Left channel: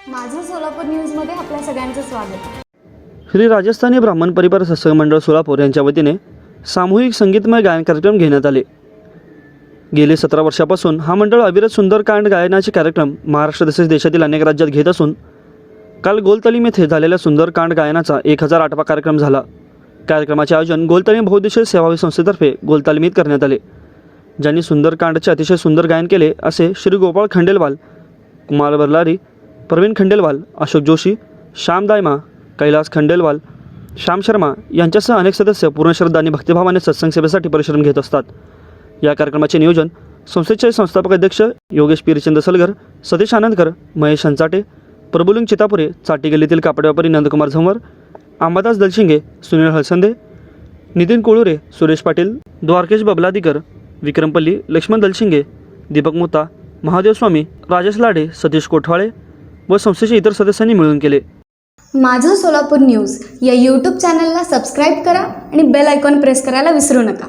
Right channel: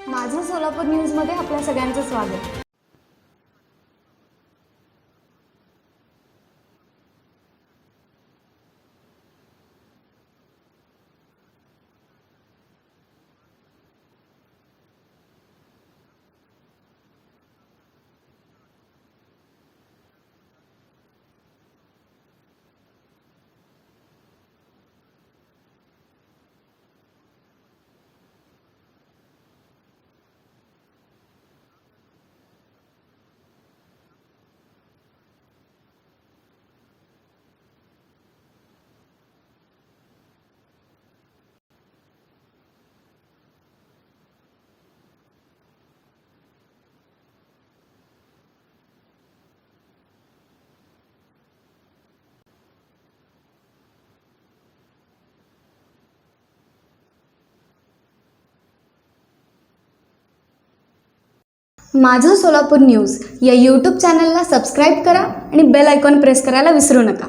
सोलापूर न्यूजमध्ये आपल्या सगळ्यांचं स्वागत. श्री राजस्थानी ब्राह्मण परिवार सत्संग मंडळ सोलापूर यांच्या वतीने सामूहिक संगीतमय गायन कार्यक्रम घेण्यात आले. गेले सतरा वर्षापासून हा मंडळ अविरत सुंदरकांड गायनाचे कार्यक्रम महाराष्ट्र तसेच देशातील अनेक राज्यात घेत असून काल गोलतलीम येथे झालेल्या सुंदरकांड गायनाचा एक हजार आठवा कार्यक्रम झाला. कार्यक्रमाचे आयोजन गोलतालीम बहुद्देशीय सेवावी संस्थेतर्फे गोलतालिमीत करण्यात आले. ज्यांनी सुंदरकांडचे अतिशय सुंदर गायन केले असे श्री गोपाळ खंडेलवाल कुमार बरलारी प्रवीण खंडेलवाल अशोक जोशी श्याम दायमा कैलास खंडेलवाल श्याम शर्मा यांच्यासह अनेक सदस्य पूर्ण श्रद्धा आणि भक्तिभावाने सत्संग सेवेसाठी परिश्रम घेत असतात. या कार्यक्रमाचे नियोजन संस्थेचे संस्थापक अध्यक्ष योगेश पिरचंद सलगर सतीश आनंदकर महेश हंचाटे प्रबुलिंग चितापुरे चाटी गल्लीतील कापड व्यापारी नंदकुमार झंवर अंबादास दलशिंगे सुनील हळसंदे नितीन कोळुरे सुरेश पाटील द्वारकेश बबलादीकर विक्रमपल्ली लक्ष्मण दलशिंगे दीपक मोता महादेव स्वामी राजेश लाडे सतीश कोठवाळे व संस्थेच्या इतर सदस्यांनी मिळून केले. माझं सोलापूर न्यूज या यूट्यूब चॅनलला सबस्क्राईब करा आणि बेल आयकॉन प्रेस करायला विसरू नका.